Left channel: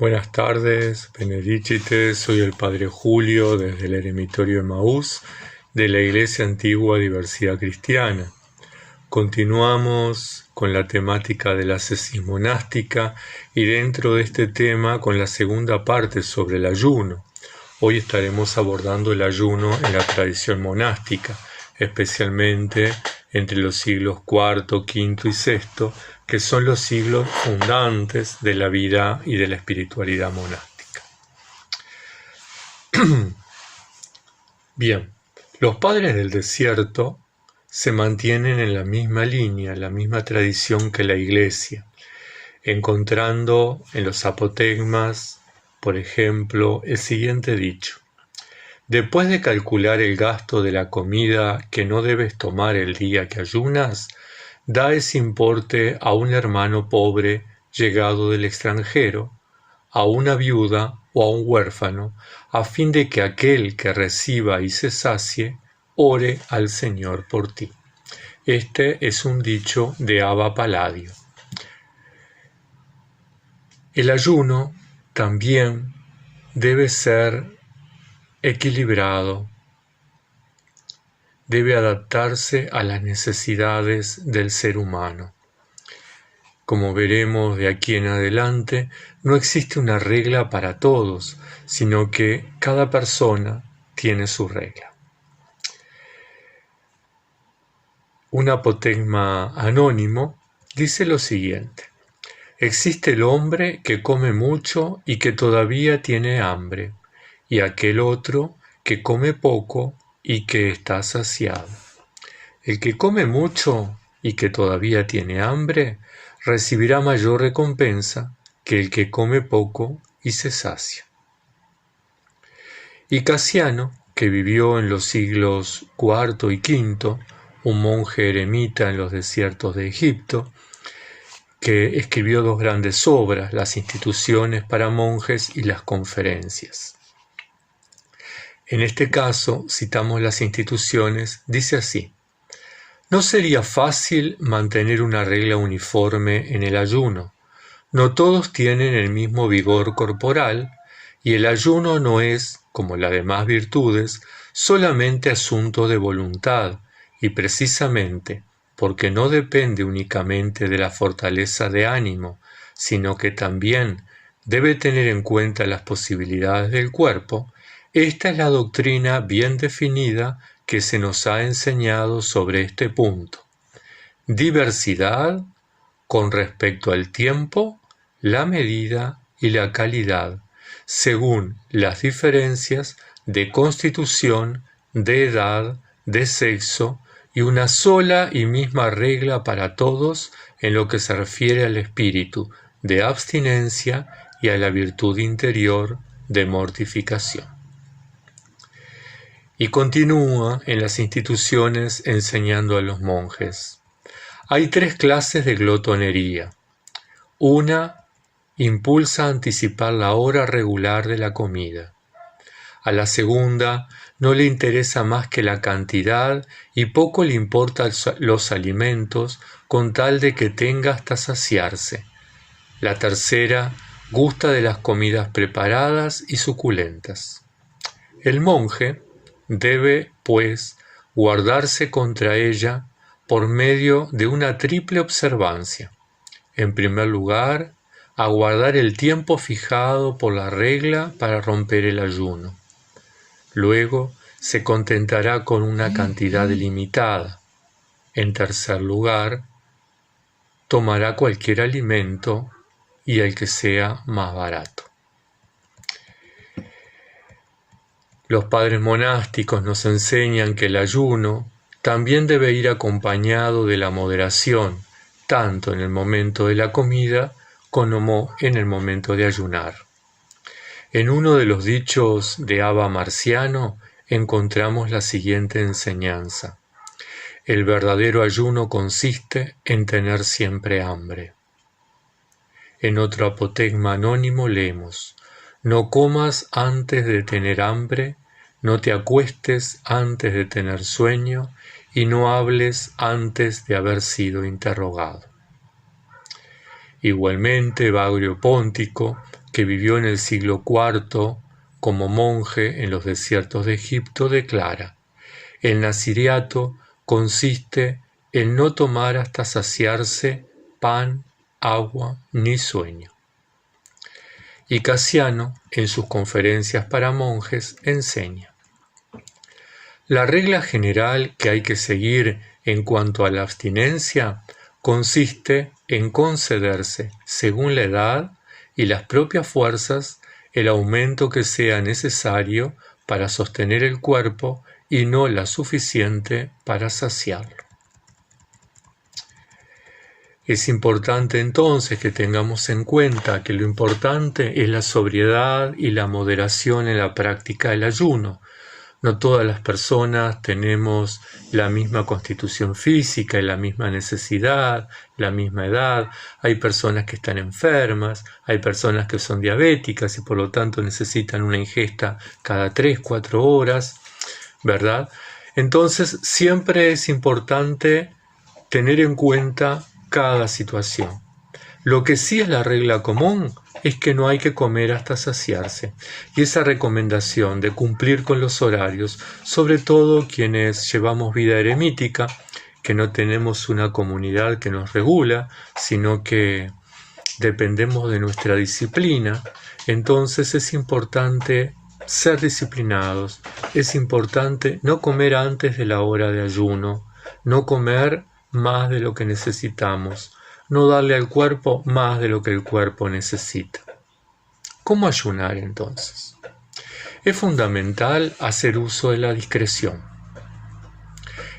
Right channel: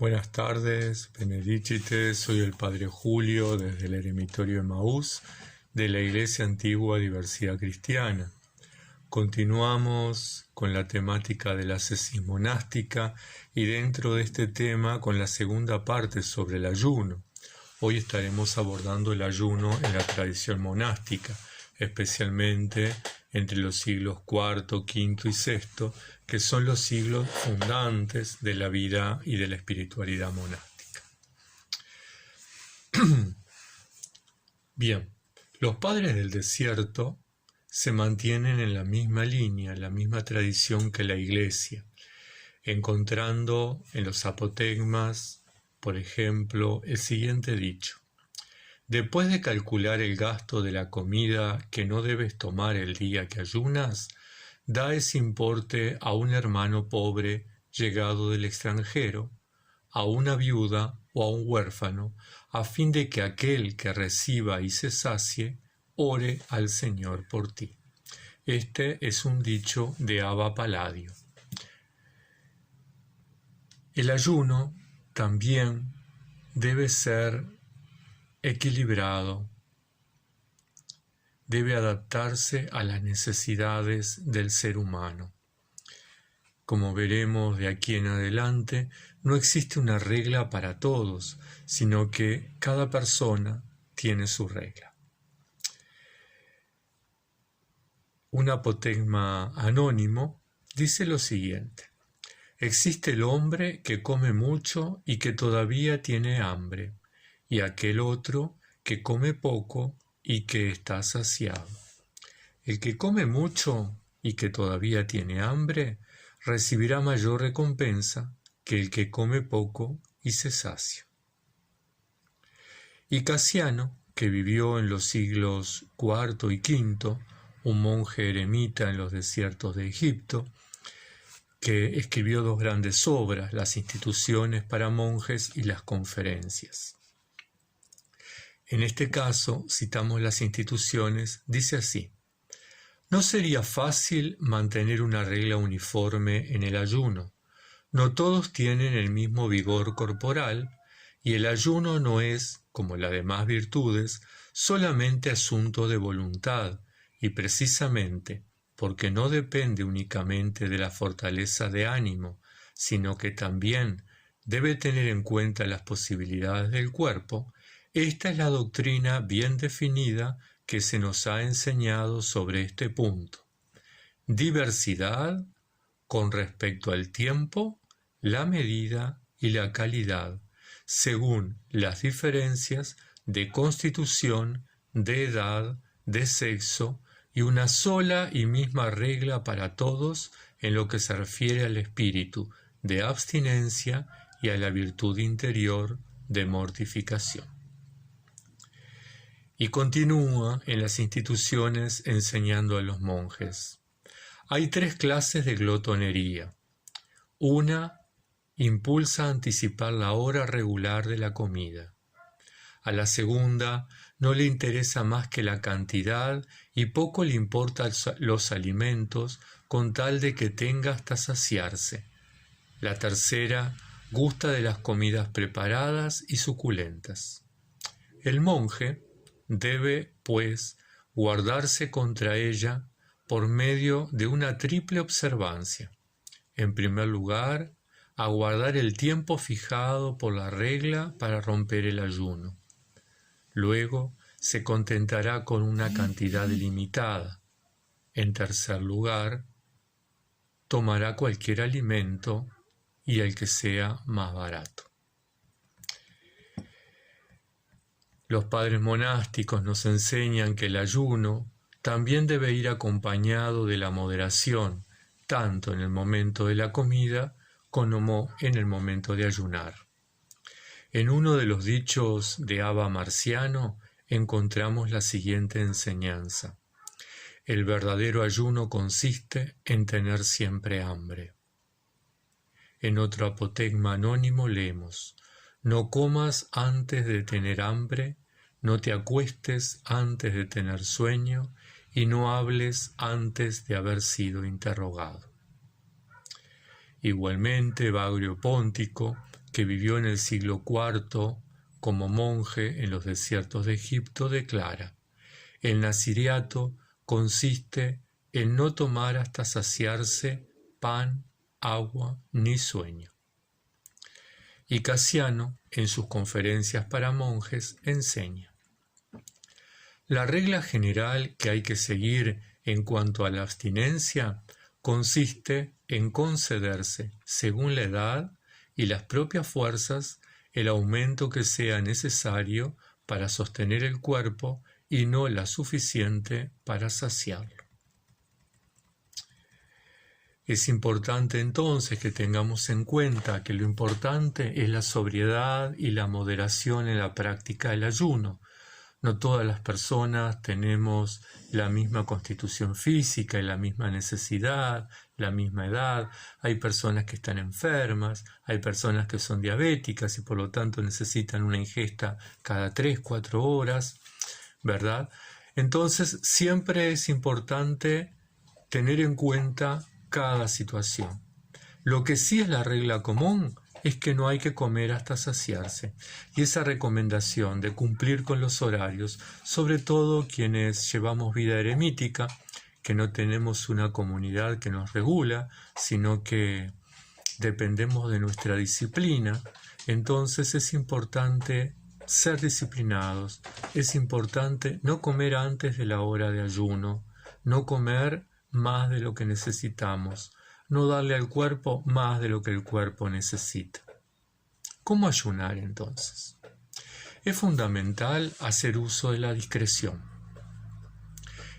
Buenas tardes, Benedicite, soy el Padre Julio desde el Eremitorio Emaús de la Iglesia Antigua Diversidad Cristiana. Continuamos con la temática de la ascesis monástica y dentro de este tema con la segunda parte sobre el ayuno. Hoy estaremos abordando el ayuno en la tradición monástica, especialmente entre los siglos IV, V y VI, que son los siglos fundantes de la vida y de la espiritualidad monástica. Bien, los padres del desierto se mantienen en la misma línea, la misma tradición que la Iglesia, encontrando en los apotegmas, por ejemplo, el siguiente dicho: después de calcular el gasto de la comida que no debes tomar el día que ayunas, da ese importe a un hermano pobre llegado del extranjero, a una viuda o a un huérfano, a fin de que aquel que reciba y se sacie, ore al Señor por ti. Este es un dicho de Abba Palladio. El ayuno también debe ser equilibrado, debe adaptarse a las necesidades del ser humano. Como veremos de aquí en adelante, no existe una regla para todos, sino que cada persona tiene su regla. Un apotegma anónimo dice lo siguiente: existe el hombre que come mucho y que todavía tiene hambre, y aquel otro que come poco y que está saciado. El que come mucho y que todavía tiene hambre recibirá mayor recompensa que el que come poco y se sacia. Y Casiano, que vivió en los siglos IV y V, un monje eremita en los desiertos de Egipto, que escribió dos grandes obras, las instituciones para monjes y las conferencias. En este caso, citamos las instituciones, dice así: no sería fácil mantener una regla uniforme en el ayuno. No todos tienen el mismo vigor corporal, y el ayuno no es, como las demás virtudes, solamente asunto de voluntad, y precisamente porque no depende únicamente de la fortaleza de ánimo, sino que también debe tener en cuenta las posibilidades del cuerpo. Esta es la doctrina bien definida que se nos ha enseñado sobre este punto. Diversidad con respecto al tiempo, la medida y la calidad, según las diferencias de constitución, de edad, de sexo, y una sola y misma regla para todos en lo que se refiere al espíritu de abstinencia y a la virtud interior de mortificación. Y continúa en las instituciones enseñando a los monjes. Hay tres clases de glotonería. Una impulsa a anticipar la hora regular de la comida. A la segunda no le interesa más que la cantidad y poco le importan los alimentos con tal de que tenga hasta saciarse. La tercera gusta de las comidas preparadas y suculentas. El monje debe, pues, guardarse contra ella por medio de una triple observancia. En primer lugar, aguardar el tiempo fijado por la regla para romper el ayuno. Luego, se contentará con una cantidad limitada. En tercer lugar, tomará cualquier alimento y el que sea más barato. Los padres monásticos nos enseñan que el ayuno también debe ir acompañado de la moderación, tanto en el momento de la comida como en el momento de ayunar. En uno de los dichos de Abba Marciano encontramos la siguiente enseñanza: el verdadero ayuno consiste en tener siempre hambre. En otro apotegma anónimo leemos: no comas antes de tener hambre, no te acuestes antes de tener sueño, y no hables antes de haber sido interrogado. Igualmente, Bagrio Póntico que vivió en el siglo IV como monje en los desiertos de Egipto, declara: el naziriato consiste en no tomar hasta saciarse pan, agua ni sueño. Y Casiano, en sus conferencias para monjes, enseña: la regla general que hay que seguir en cuanto a la abstinencia consiste en concederse, según la edad y las propias fuerzas, el aumento que sea necesario para sostener el cuerpo y no la suficiente para saciarlo. Es importante entonces que tengamos en cuenta que lo importante es la sobriedad y la moderación en la práctica del ayuno. No todas las personas tenemos la misma constitución física y la misma necesidad, la misma edad. Hay personas que están enfermas, hay personas que son diabéticas y por lo tanto necesitan una ingesta cada 3-4 horas, ¿verdad? Entonces siempre es importante tener en cuenta cada situación. Lo que sí es la regla común es que no hay que comer hasta saciarse. Y esa recomendación de cumplir con los horarios, sobre todo quienes llevamos vida eremítica, que no tenemos una comunidad que nos regula, sino que dependemos de nuestra disciplina, entonces es importante ser disciplinados, es importante no comer antes de la hora de ayuno, no comer más de lo que necesitamos, no darle al cuerpo más de lo que el cuerpo necesita. ¿Cómo ayunar entonces? Es fundamental hacer uso de la discreción.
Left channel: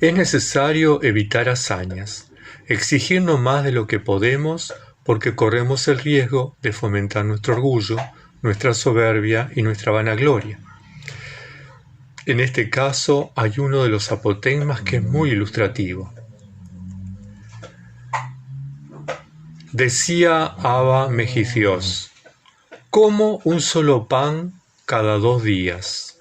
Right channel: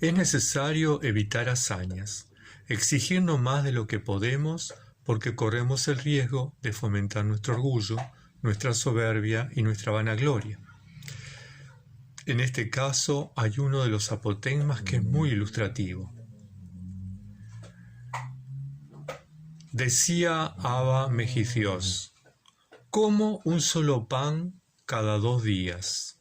Es necesario evitar hazañas, exigirnos más de lo que podemos porque corremos el riesgo de fomentar nuestro orgullo, nuestra soberbia y nuestra vanagloria. En este caso hay uno de los apotegmas que es muy ilustrativo. Decía Abba Megidios: como un solo pan cada 2 días.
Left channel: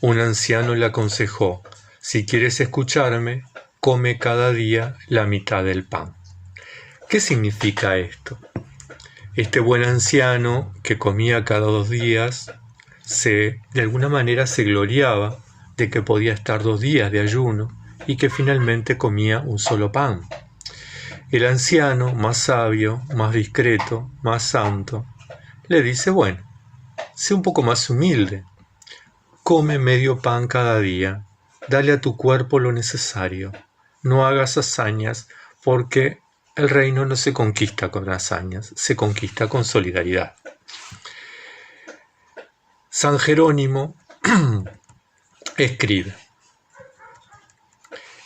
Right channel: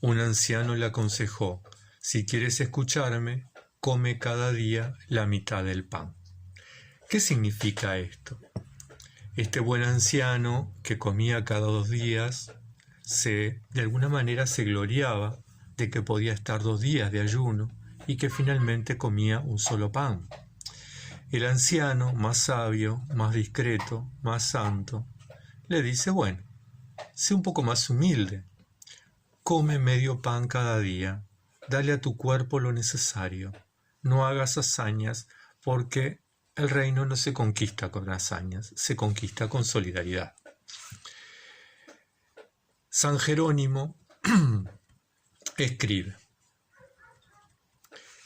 Un anciano le aconsejó: si quieres escucharme, come cada día la mitad del pan. ¿Qué significa esto? Este buen anciano que comía cada 2 días, de alguna manera se gloriaba de que podía estar 2 días de ayuno y que finalmente comía un solo pan. El anciano, más sabio, más discreto, más santo, le dice: bueno, sé un poco más humilde, come medio pan cada día, dale a tu cuerpo lo necesario, no hagas hazañas, porque el reino no se conquista con hazañas, se conquista con solidaridad. San Jerónimo escribe:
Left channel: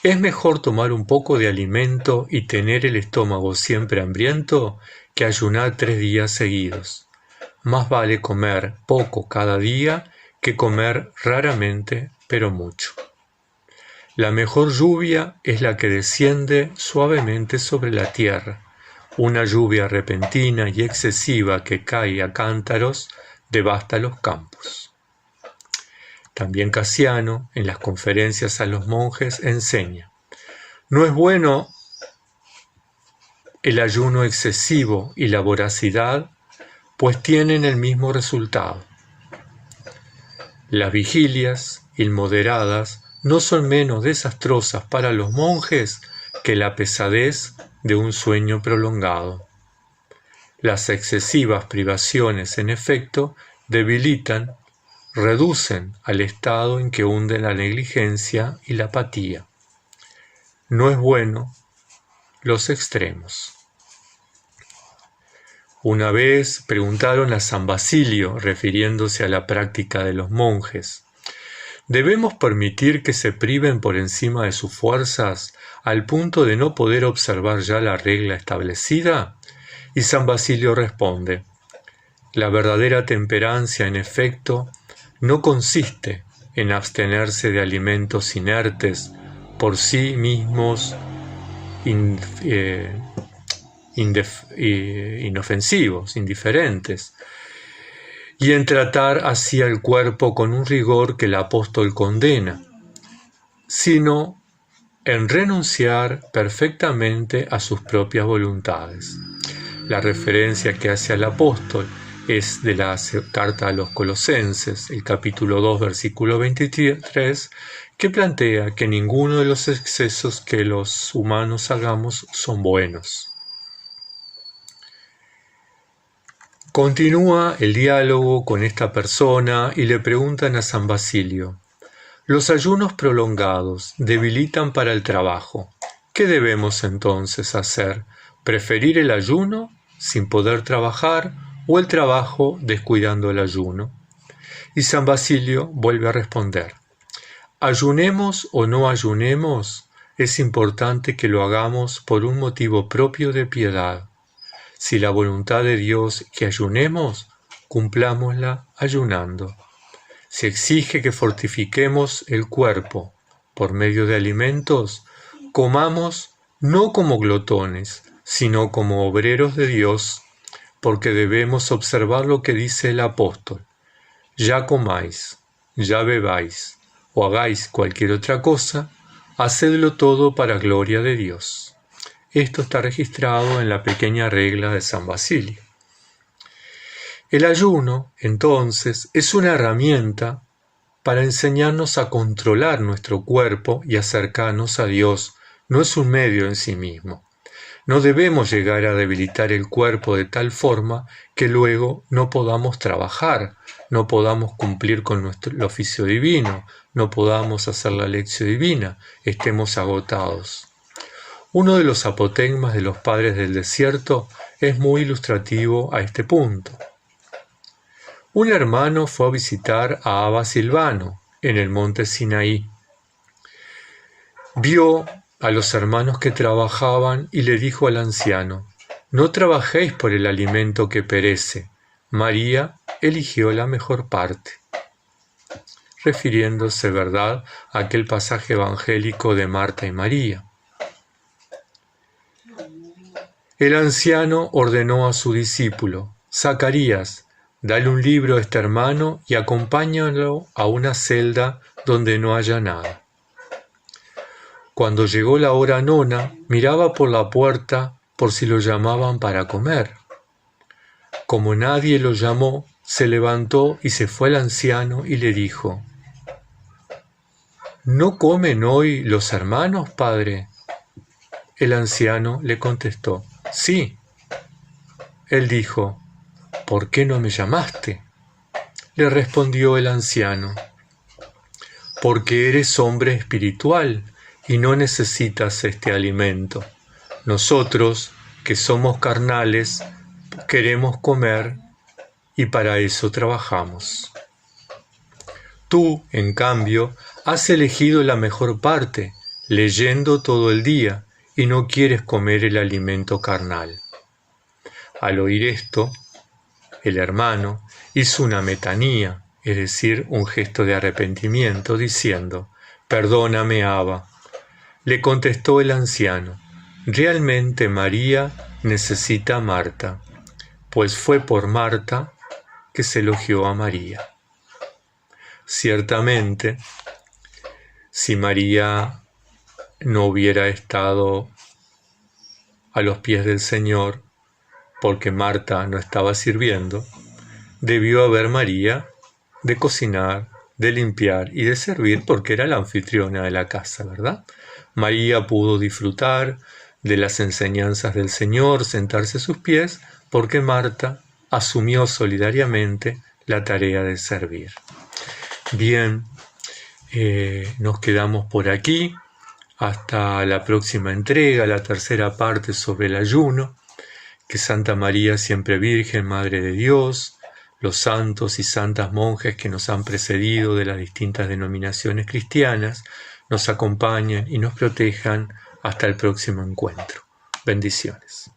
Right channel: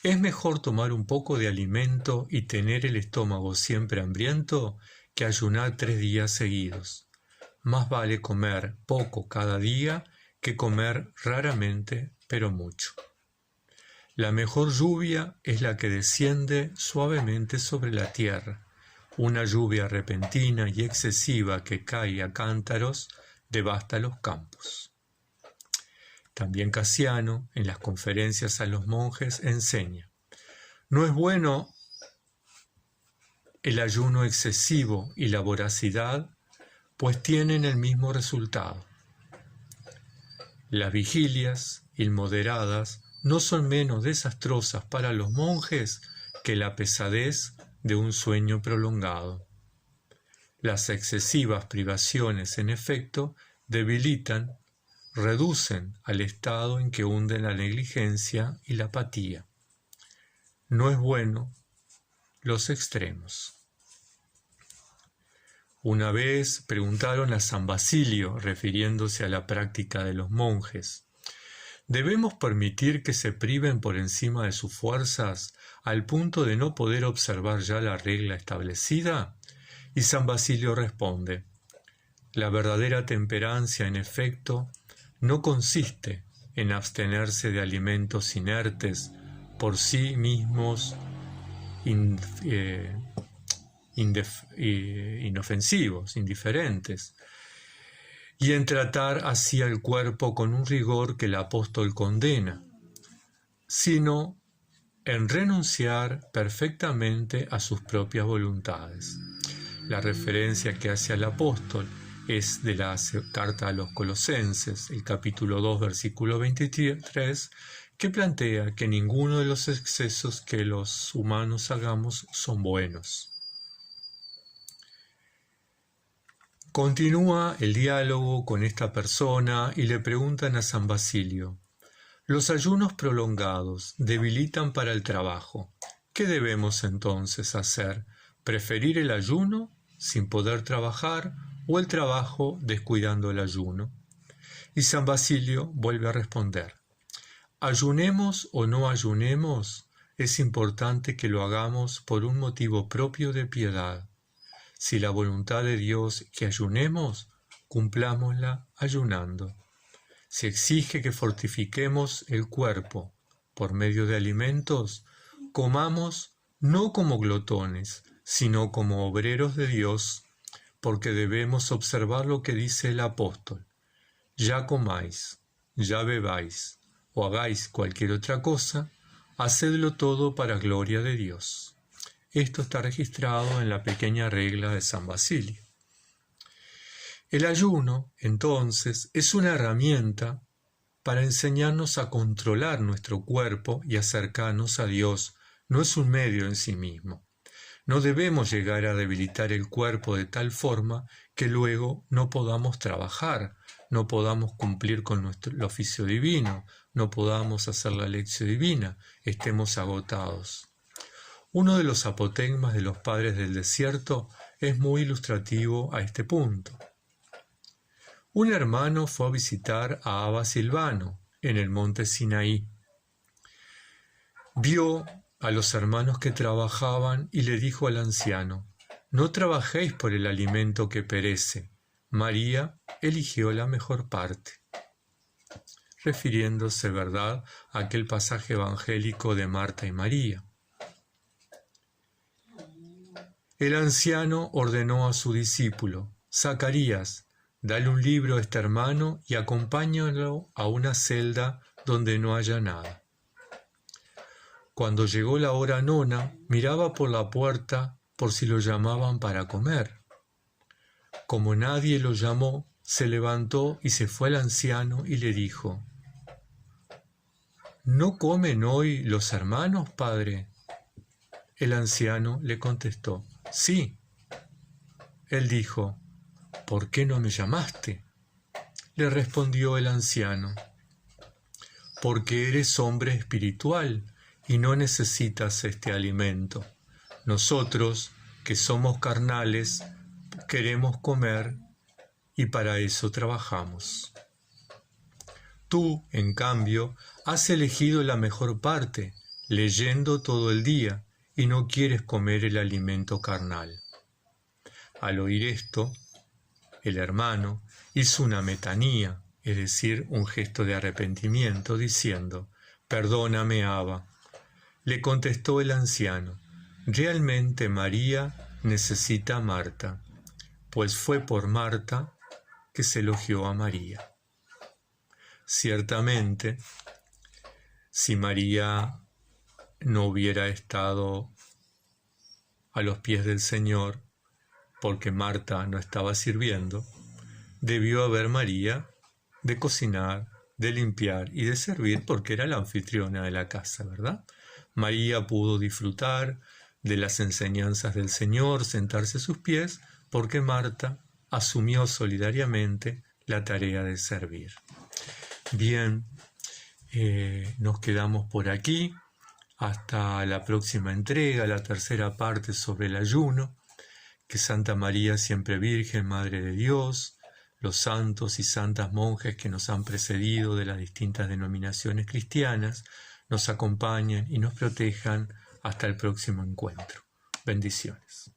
es mejor tomar un poco de alimento y tener el estómago siempre hambriento que ayunar 3 días seguidos. Más vale comer poco cada día que comer raramente, pero mucho. La mejor lluvia es la que desciende suavemente sobre la tierra. Una lluvia repentina y excesiva que cae a cántaros devasta los campos. También Casiano, en las conferencias a los monjes, enseña: no es bueno el ayuno excesivo y la voracidad, pues tienen el mismo resultado. Las vigilias inmoderadas no son menos desastrosas para los monjes que la pesadez de un sueño prolongado. Las excesivas privaciones, en efecto, debilitan, reducen al estado en que hunden la negligencia y la apatía. No es bueno los extremos. Una vez preguntaron a San Basilio, refiriéndose a la práctica de los monjes: ¿debemos permitir que se priven por encima de sus fuerzas al punto de no poder observar ya la regla establecida? Y San Basilio responde: la verdadera temperancia, en efecto, no consiste en abstenerse de alimentos inertes, por sí mismos inofensivos, indiferentes, y en tratar así al cuerpo con un rigor que el apóstol condena, sino en renunciar perfectamente a sus propias voluntades. La referencia que hace al apóstol es de la carta a los Colosenses, el capítulo 2, versículo 23, que plantea que ninguno de los excesos que los humanos hagamos son buenos. Continúa el diálogo con esta persona y le preguntan a San Basilio: los ayunos prolongados debilitan para el trabajo. ¿Qué debemos entonces hacer? ¿Preferir el ayuno sin poder trabajar o el trabajo descuidando el ayuno? Y San Basilio vuelve a responder: ayunemos o no ayunemos, es importante que lo hagamos por un motivo propio de piedad. Si la voluntad de Dios que ayunemos, cumplámosla ayunando. Si exige que fortifiquemos el cuerpo por medio de alimentos, comamos no como glotones, sino como obreros de Dios, porque debemos observar lo que dice el apóstol: ya comáis, ya bebáis, o hagáis cualquier otra cosa, hacedlo todo para gloria de Dios. Esto está registrado en la pequeña regla de San Basilio. El ayuno, entonces, es una herramienta para enseñarnos a controlar nuestro cuerpo y acercarnos a Dios. No es un medio en sí mismo. No debemos llegar a debilitar el cuerpo de tal forma que luego no podamos trabajar, no podamos cumplir con el oficio divino, no podamos hacer la lección divina, estemos agotados. Uno de los apotegmas de los padres del desierto es muy ilustrativo a este punto. Un hermano fue a visitar a Abba Silvano en el monte Sinaí. Vio a los hermanos que trabajaban y le dijo al anciano: no trabajéis por el alimento que perece. María eligió la mejor parte. Refiriéndose, ¿verdad?, a aquel pasaje evangélico de Marta y María. El anciano ordenó a su discípulo: Zacarías, dale un libro a este hermano y acompáñalo a una celda donde no haya nada. Cuando llegó la hora nona, miraba por la puerta por si lo llamaban para comer. Como nadie lo llamó, se levantó y se fue al anciano y le dijo: ¿no comen hoy los hermanos, padre? El anciano le contestó: sí. Él dijo: ¿por qué no me llamaste? Le respondió el anciano: porque eres hombre espiritual y no necesitas este alimento. Nosotros, que somos carnales, queremos comer y para eso trabajamos. Tú, en cambio, has elegido la mejor parte, leyendo todo el día, y no quieres comer el alimento carnal. Al oír esto, el hermano hizo una metanía, es decir, un gesto de arrepentimiento, diciendo: perdóname, Abba. Le contestó el anciano: realmente María necesita a Marta, pues fue por Marta que se elogió a María. Ciertamente, si María no hubiera estado a los pies del Señor, porque Marta no estaba sirviendo, debió haber María de cocinar, de limpiar y de servir, porque era la anfitriona de la casa, ¿verdad? María pudo disfrutar de las enseñanzas del Señor, sentarse a sus pies, porque Marta asumió solidariamente la tarea de servir. Bien, nos quedamos por aquí. Hasta la próxima entrega, la tercera parte sobre el ayuno. Que Santa María, siempre Virgen, Madre de Dios, los santos y santas monjes que nos han precedido de las distintas denominaciones cristianas, nos acompañen y nos protejan hasta el próximo encuentro. Bendiciones.